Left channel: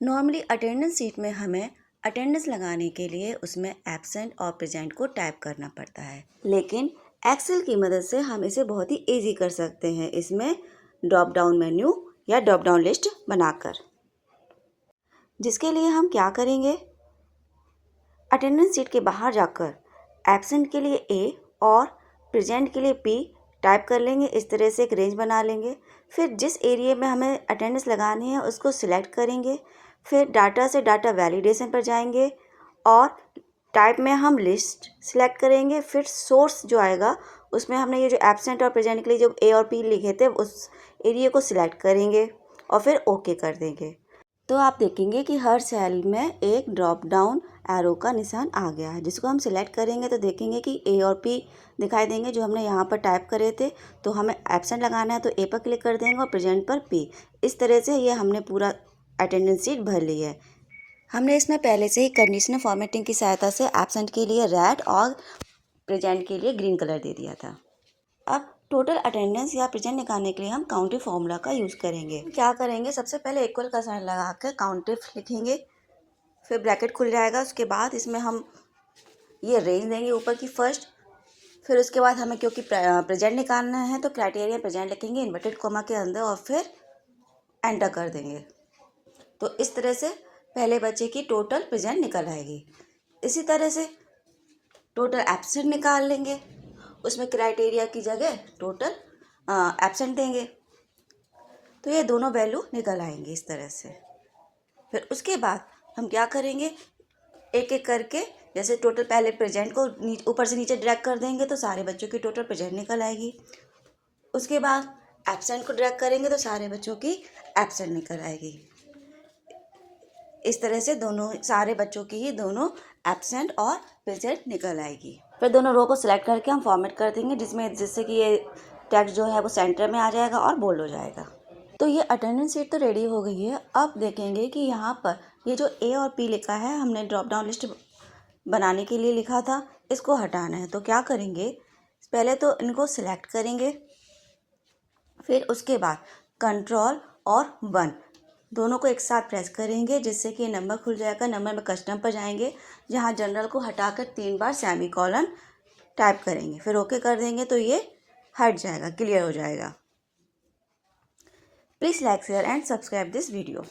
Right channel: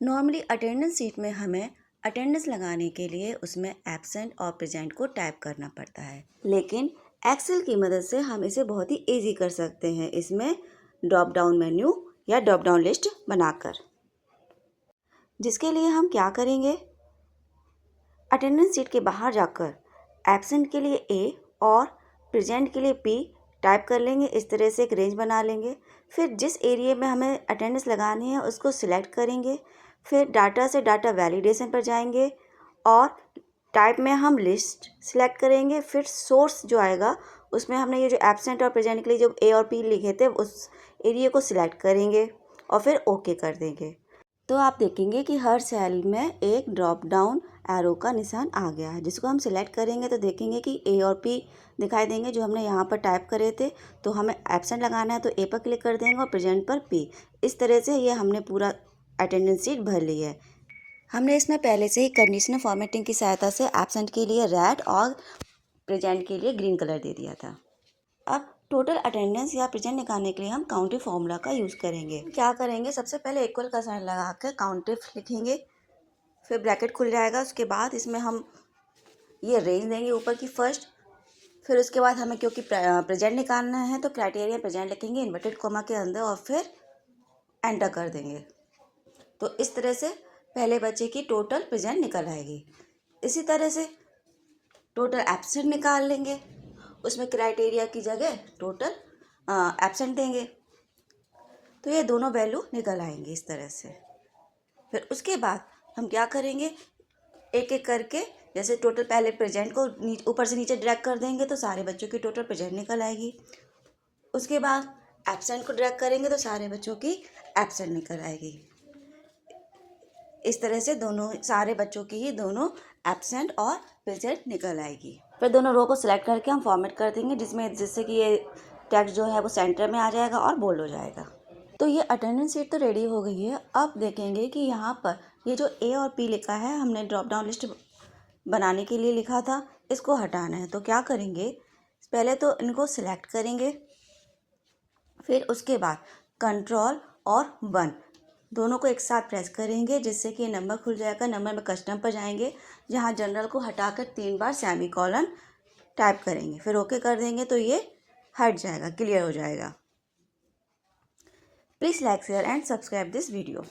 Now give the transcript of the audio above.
Normally attendance sheet में हमें attendance लगाने के लिए उसमें एब्सेंट और प्रेजेंट को टाइप करना पड़ता है, लेकिन एक्सेल की मदद से हम इसे बहुत ही इजी कर सकते हैं इसमें ड्रॉप डाउन मेन्यू या ड्रॉप डाउन लिस्ट बनाकर। जिसके लिए हम क्या करेंगे, अटेंडेंस शीट के बाहर जाकर एब्सेंट के लिए ए और प्रेजेंट के लिए पी टाइप कर लेंगे। इस तरह से एक रेंज बना लेंगे। फिर जिस एरिया में हमें अटेंडेंस लगानी है उसको सिलेक्ट करेंगे। फिर डाटा से डाटा वैलिडेशन पर जाएंगे और टाइप में हम लिस्ट सिलेक्ट करेंगे। फिर सोर्स जो आएगा उसमें हमने ये जो एब्सेंट और प्रेजेंट के लिए जो ए और पी लिखे थे उस एरिया को सिलेक्ट करेंगे और फिर ओके कर देंगे। तो आप देखेंगे कि हर सेल में एक ड्रॉप डाउन एरो का निशान आ गया है, जिसको हम सिलेक्ट करेंगे तो देखेंगे कि ए और पी दिखाई देंगे जो हमने यहाँ पर टाइप करे थे। तो हमें एब्सेंट लगाना है तो ए पर क्लिक कर देंगे और प्रेजेंट पर पी। इस तरह से ये हमने पूरा अटेंडेंस शीट भर ली है। हमने इसमें पहले से ही कंडीशनल फॉर्मेटिंग की सहायता से एब्सेंट के लिए रेड और प्रेजेंट के लिए ग्रीन कलर दे दिया था। अब टोटल अटेंडेंस या प्रेजेंट निकालने के लिए हम काउंटिव फॉर्मूला का यूज़ करेंगे। क्या करेंगे, सबसे पहले इक्वल का साइन लगाकर काउंटिव लिखेंगे, फिर ब्रैकेट खुल जाएगा। उसके बाद इसमें हम ये रेंज देंगे ऊपर की फर्स्ट। फिर उसके बाद हमें क्योंकि प्रेजेंट निकालना है तो क्राइटेरिया प्रेजेंट लिखेंगे इन्वर्टेड कॉमा के अंदर और फिर एंटर कर देंगे। तो इस तरह से पहले बच्चे की टोटल प्रेजेंट निकल आएगी। इसी तरह से टोटल एब्सेंट निकाल लेंगे, उसमें क्राइटेरिया की जगह टोटल एब्सेंट देंगे तो ये दोनों वैल्यू निकल आएंगे इस तरह से। फिर उसके बाद हम क्या करेंगे, एक एक करके जैसे टोटल पहले प्रेजेंट को ऊपर से नीचे ड्रैग कर देंगे तो सारे बच्चों की टोटल प्रेजेंट निकल आएगी। उसके बाद एब्सेंट को ड्रैग करेंगे तो सारे बच्चों की एब्सेंट निकल आएगी। इस तरह से दोनों सारे बच्चों की ही दोनों एब्सेंट और प्रेजेंट निकल आएगी। फिर दोनों रो को सिलेक्ट करके हम फॉर्मेट कर देंगे जिससे कि ये टेक्स्ट जो है वो सेंटर में आ जाएगा और बोल्ड हो जाएगा। तो ये अटेंडेंस शीट तो रेडी हो गई है। अब देखेंगे कि यहाँ पर ये जो ए और पी लिखा है हमने ड्रॉप डाउन लिस्ट बनाने के लिए लिखा था, इसको हटाना है। तो क्या करेंगे, पहले तो इनको सिलेक्ट करेंगे, फिर उसके बाद कंट्रोल और 1 दोनों को एक साथ प्रेस करेंगे जिससे कि नंबर खुल जाएगा। नंबर में कस्टम पर जाएंगे जहाँ जनरल को हटाकर 3 बार सेमी कॉलन टाइप करेंगे, फिर ओके कर देंगे तो ये हट जाएगा, क्लियर हो जाएगा। Please like share and subscribe this video.